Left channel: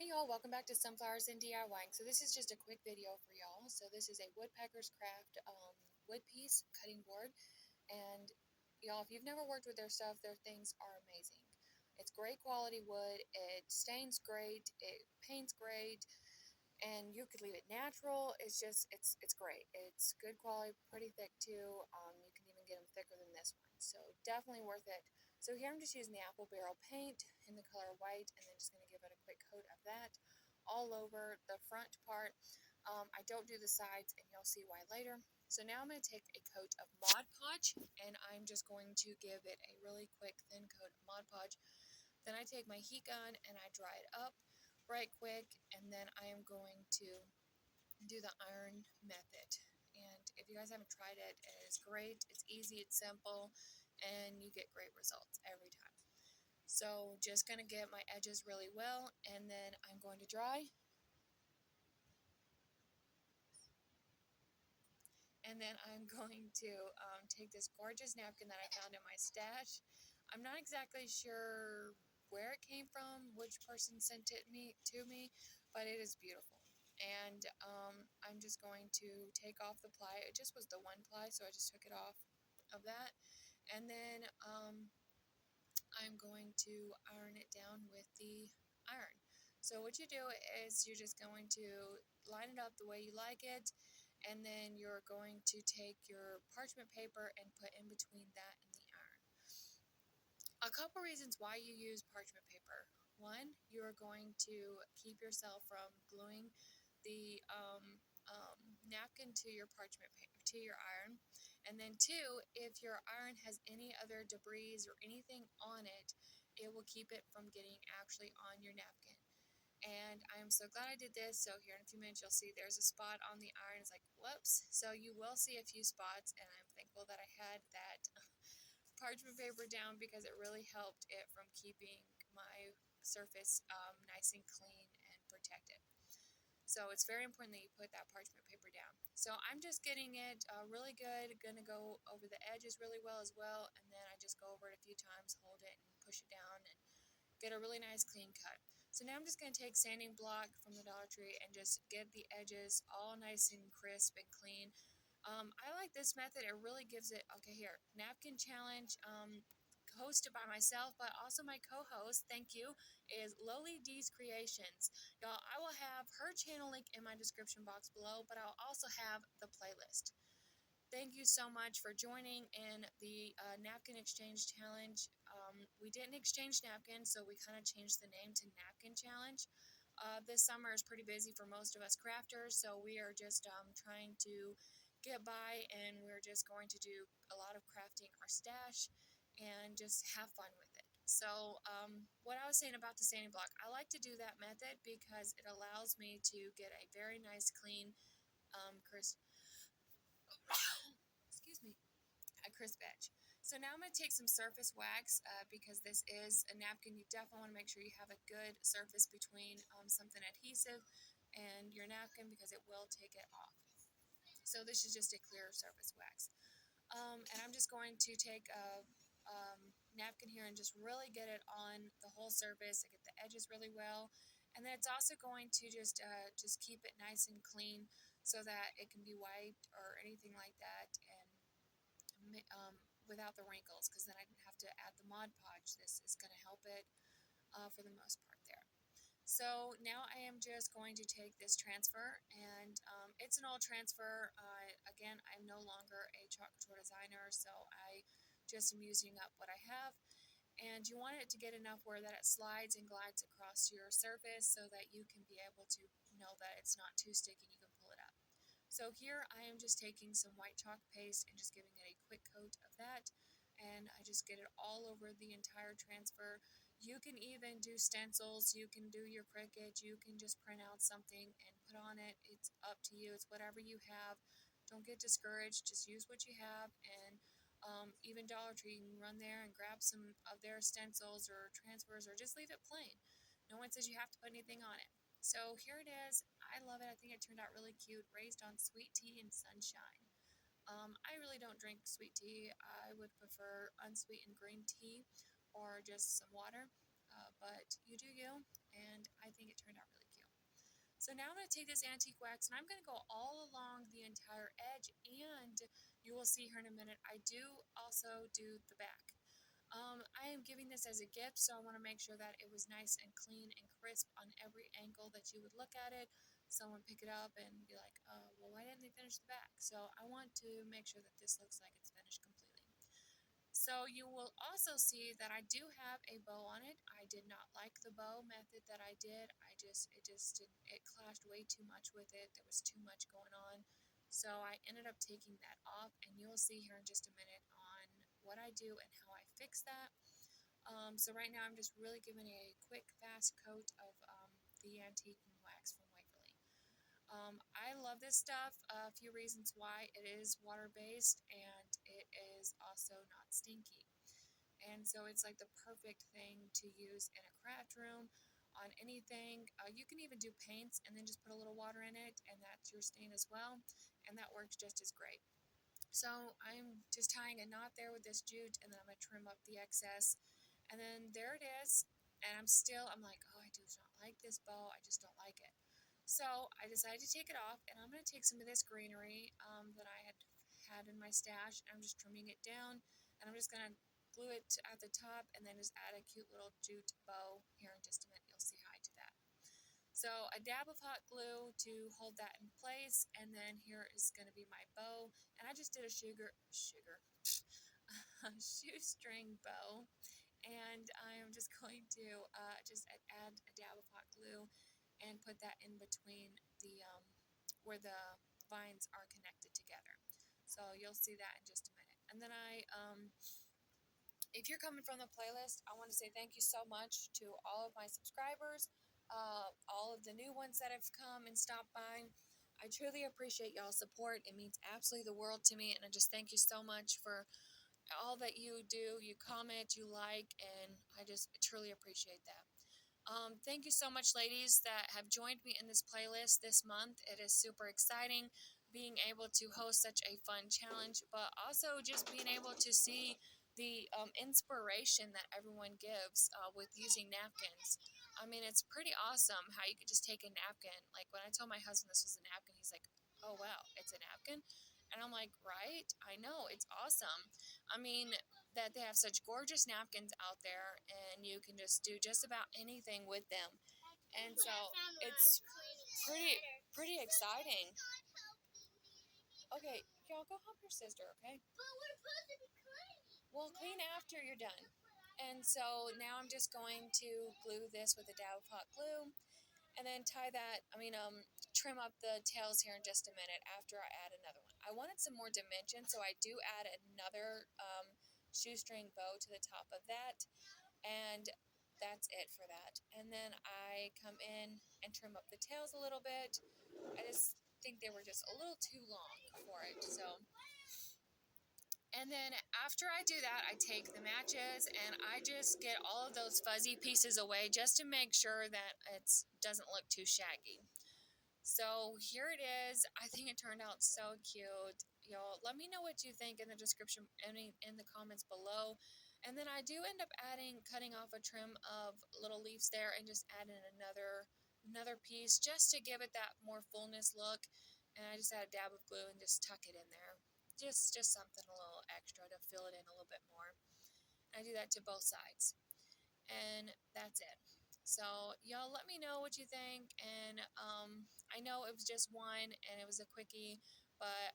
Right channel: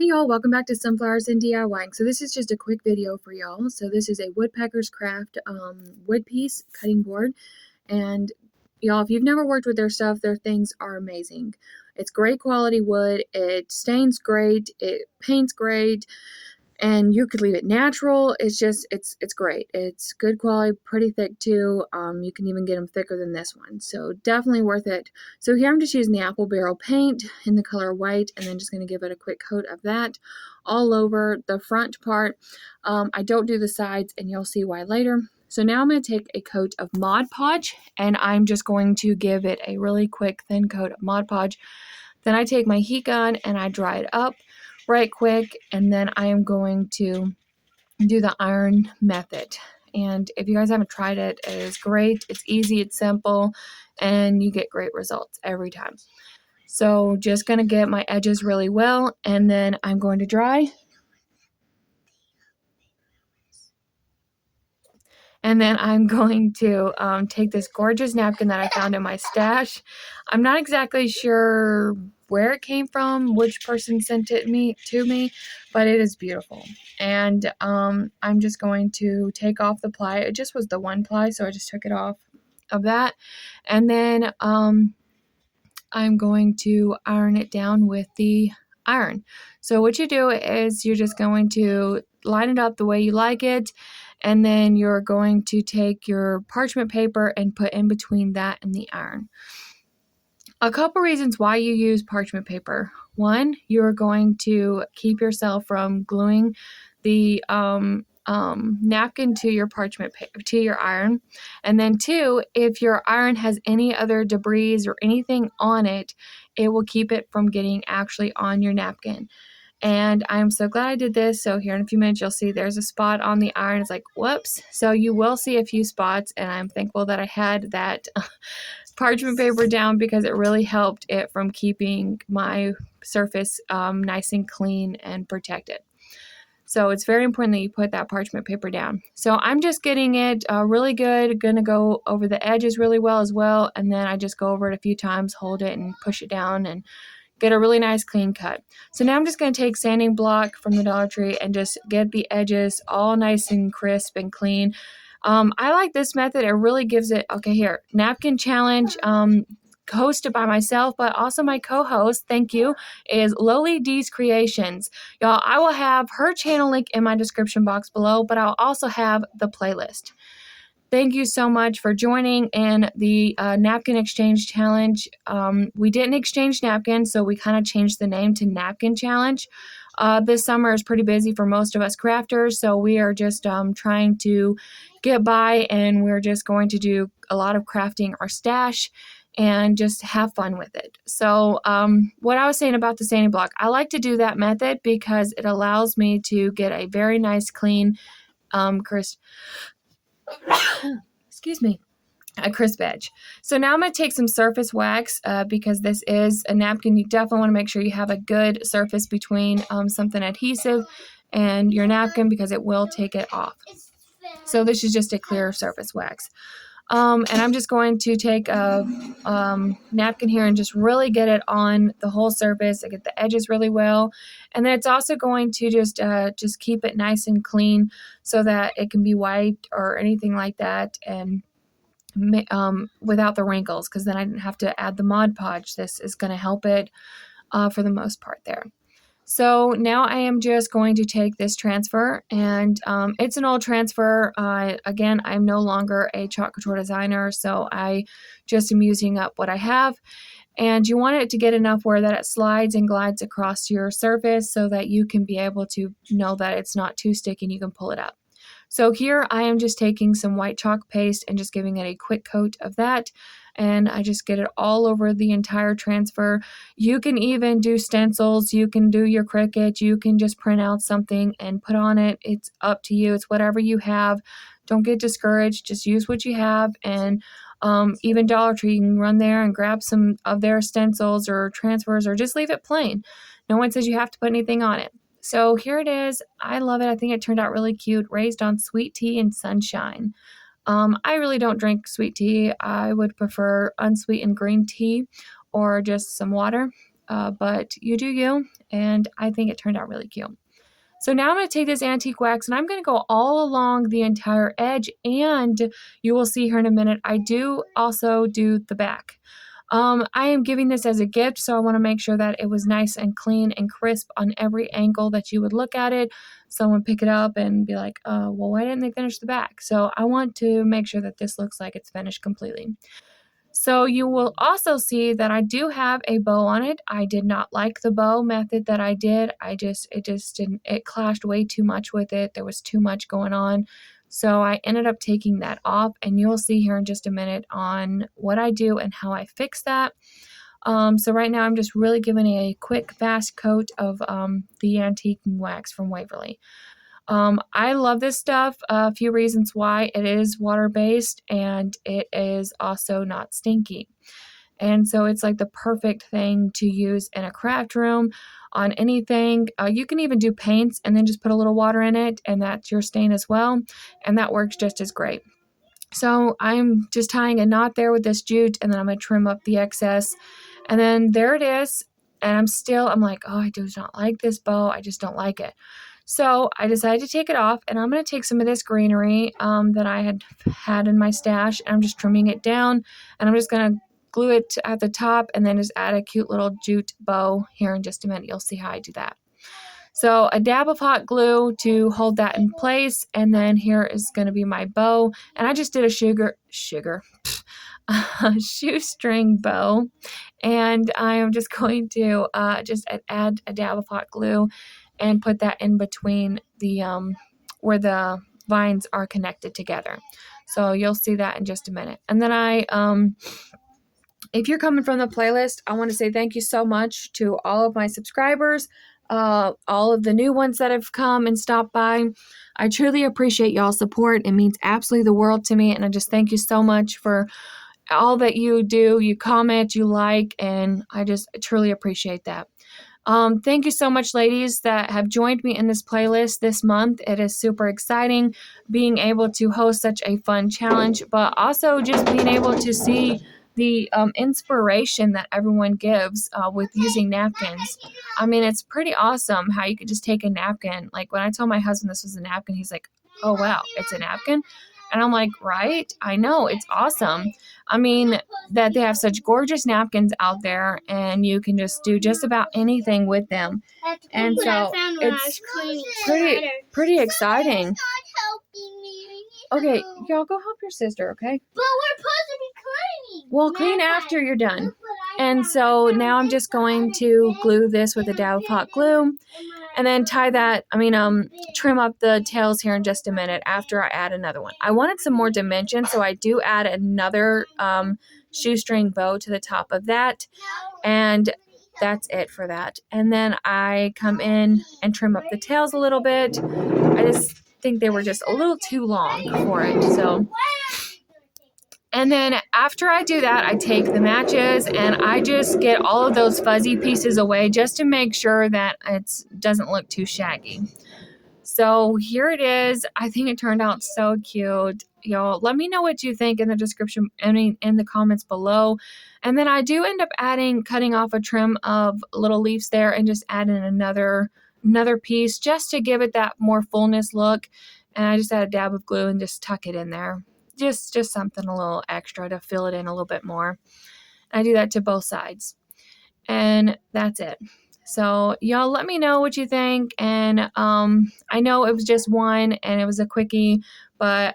Hey y'all, welcome back to Sunflowers and DIYing. So this is just a quick video for y'all. So this is a woodpecker's craft wood piece cutting board. And y'all, if you've never worked with their stuff, their things are amazing. It's great quality wood, it stains great, it paints great, and you could leave it natural. It's great. It's good quality, pretty thick too. You can even get them thicker than this one, so definitely worth it. So here I'm just using the apple barrel paint in the color white, and then just going to give it a quick coat of that all over the front part. I don't do the sides, and you'll see why later. So now I'm going to take a coat of Mod Podge, and I'm just going to give it a really quick thin coat of Mod Podge. Then I take my heat gun and I dry it up right quick, and then I am going to do the iron method. And if you guys haven't tried it, it is great. It's easy, it's simple, and you get great results every time. So just gonna get my edges really well, and then I'm going to dry. And then I'm going to take this gorgeous napkin that I found in my stash. I'm not exactly sure where it came from, which person sent it to me, but it is beautiful. And I'm just going to take off the ply. It just was the one ply, so I just took it off of that. And then I'm going to iron it down with the iron. So what you do is you're just going to line it up the way you like it, and then you're going to take your parchment paper and put in between that and the iron. A couple reasons why you use parchment paper. One, you're going to keep yourself from gluing the napkin to your parchment to your iron. And then two, if your iron has any other debris or anything on it, it will keep it from getting actually on your napkin. And I'm so glad I did this. So here in a few minutes, you'll see there's a spot on the iron. It's like, whoops. So you will see a few spots, and I'm thankful that I had that parchment paper down because it really helped it from keeping my surface nice and clean and protected. So it's very important that you put that parchment paper down. So I'm just getting it really good. Gonna go over the edges really well as well. And then I just go over it a few times, hold it and push it down and get a really nice clean cut. So now I'm just going to take sanding block from the Dollar Tree and just get the edges all nice and crisp and clean. I like this method. It really gives it, okay, here, napkin challenge, hosted by myself, but also my co-host, thank you, is Loli D's Creations. Y'all, I will have her channel link in my description box below, but I'll also have the playlist. Thank you so much for joining in the napkin exchange challenge. We didn't exchange napkins, so we kind of changed the name to Napkin Challenge. This summer is pretty busy for most of us crafters, so we are just trying to get by, and we're just going to do a lot of crafting our stash and just have fun with it. So what I was saying about the sanding block, I like to do that method because it allows me to get a very nice, clean, crisp excuse me, a crisp edge. So now I'm going to take some surface wax because this is a napkin. You definitely want to make sure you have a good surface between something adhesive and your napkin because it will take it off. So this is just a clear surface wax. And I'm just going to take a napkin here and just really get it on the whole surface. I get the edges really well. And then it's also going to just keep it nice and clean so that it can be wiped or anything like that, and without the wrinkles, because then I didn't have to add the Mod Podge. This is going to help it for the most part there. So now I am just going to take this transfer, and it's an old transfer. Again, I'm no longer a chalk couture designer, so I just am using up what I have. And you want it to get enough where that it slides and glides across your surface so that you can be able to know that it's not too sticky and you can pull it up. So here I am just taking some white chalk paste and just giving it a quick coat of that, and I just get it all over the entire transfer. You can even do stencils, you can do your Cricut, you can just print out something and put on it. It's up to you. It's whatever you have. Don't get discouraged. Just use what you have. And even Dollar Tree, you can run there and grab some of their stencils or transfers, or just leave it plain. No one says you have to put anything on it. So here it is. I love it. I think it turned out really cute. Raised on sweet tea and sunshine. I really don't drink sweet tea. I would prefer unsweetened green tea or just some water. but you do you, and I think it turned out really cute. So now I'm going to take this antique wax and I'm going to go all along the entire edge, and you will see here in a minute, I do also do the back. I am giving this as a gift, so I want to make sure that it was nice and clean and crisp on every angle that you would look at it. Someone pick it up and be like, well, why didn't they finish the back? So I want to make sure that this looks like it's finished completely. So you will also see that I do have a bow on it. I did not like the bow method that I did. It just didn't, it clashed way too much with it. There was too much going on. So I ended up taking that off, and you'll see here in just a minute on what I do and how I fix that. So right now I'm just really giving a quick fast coat of the antique wax from Waverly. I love this stuff. A few reasons why: it is water-based and it is also not stinky. And so it's like the perfect thing to use in a craft room on anything. You can even do paints and then just put a little water in it, and that's your stain as well. And that works just as great. So I'm just tying a knot there with this jute, and then I'm going to trim up the excess. And then there it is. And I'm like, oh, I do not like this bow. I just don't like it. So I decided to take it off, and I'm going to take some of this greenery that I had in my stash, and I'm just trimming it down, and I'm just going to glue it at the top and then just add a cute little jute bow here in just a minute. You'll see how I do that. So a dab of hot glue to hold that in place, and then here is going to be my bow, and I just did a shoestring bow, and I am just going to just add a dab of hot glue and put that in between the where the vines are connected together. So you'll see that in just a minute. And then if you're coming from the playlist, I want to say thank you so much to all of my subscribers, all of the new ones that have come and stopped by. I truly appreciate y'all's support. It means absolutely the world to me, and I just thank you so much for all that you do. You comment, you like, and I just truly appreciate that. Thank you so much, ladies, that have joined me in this playlist this month. It is super exciting being able to host such a fun challenge, but also just being able to see the inspiration that everyone gives with using napkins. I mean, it's pretty awesome how you could just take a napkin. Like when I told my husband this was a napkin, he's like, oh, wow, it's a napkin? And I'm like, right? I know, it's awesome. I mean, that they have such gorgeous napkins out there, and you can just do just about anything with them. And so it's pretty exciting. Okay, y'all go help your sister, okay? But we're supposed to be cleaning. Well, clean after you're done. And so now I'm just going to glue this with a dab of hot glue, and then trim up the tails here in just a minute after I add another one. I wanted some more dimension, so I do add another shoestring bow to the top of that, and that's it for that. And then I come in and trim up the tails a little bit. I just think they were just a little too long for it. And then after I do that, I take the matches and I just get all of those fuzzy pieces away just to make sure that it doesn't look too shaggy. So here it is. I think it turned out so cute. Y'all, let me know what you think in the description, in the comments below. And then I do end up cutting off a trim of little leaves there and just add in another piece just to give it that more fullness look. And I just add a dab of glue and just tuck it in there. Just something a little extra to fill it in a little bit more. I do that to both sides. And that's it. So y'all let me know what you think. And I know it was just one and it was a quickie, but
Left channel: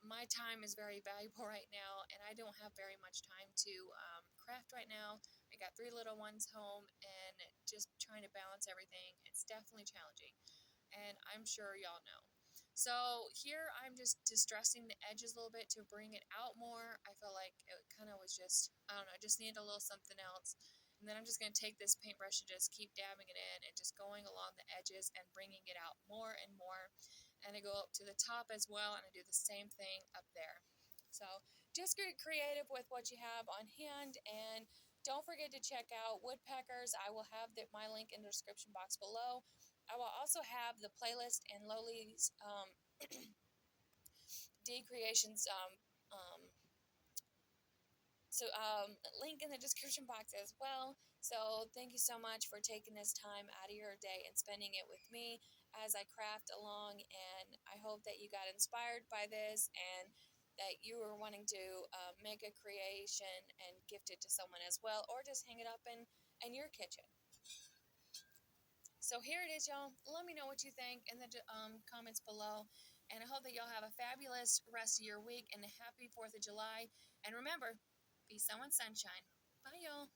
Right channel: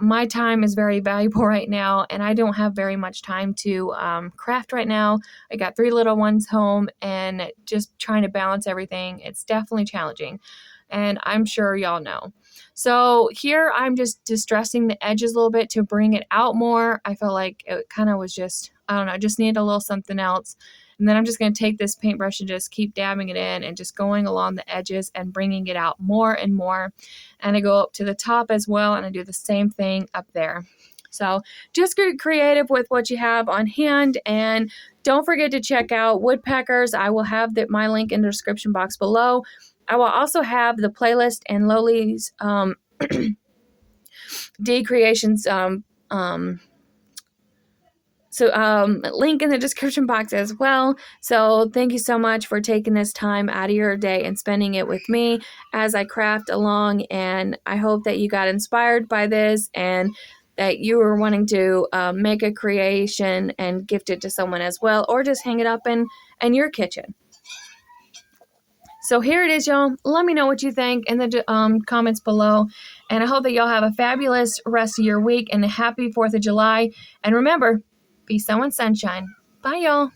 my time is very valuable right now, and I don't have very much time to craft right now. I got 3 little ones home, and just trying to balance everything, it's definitely challenging, and I'm sure y'all know. So here I'm just distressing the edges a little bit to bring it out more. I felt like it kind of was just, I don't know, just needed a little something else. And then I'm just going to take this paintbrush and just keep dabbing it in and just going along the edges and bringing it out more and more. And I go up to the top as well, and I do the same thing up there. So just get creative with what you have on hand, and don't forget to check out Woodpeckers. I will have my link in the description box below. I will also have the playlist and Loli's D Creations So link in the description box as well. So thank you so much for taking this time out of your day and spending it with me as I craft along, and I hope that you got inspired by this and that you were wanting to make a creation and gift it to someone as well, or just hang it up in your kitchen. So here it is, y'all. Let me know what you think in the comments below. And I hope that y'all have a fabulous rest of your week and a happy 4th of July. And remember, peace out and sunshine. Bye, y'all.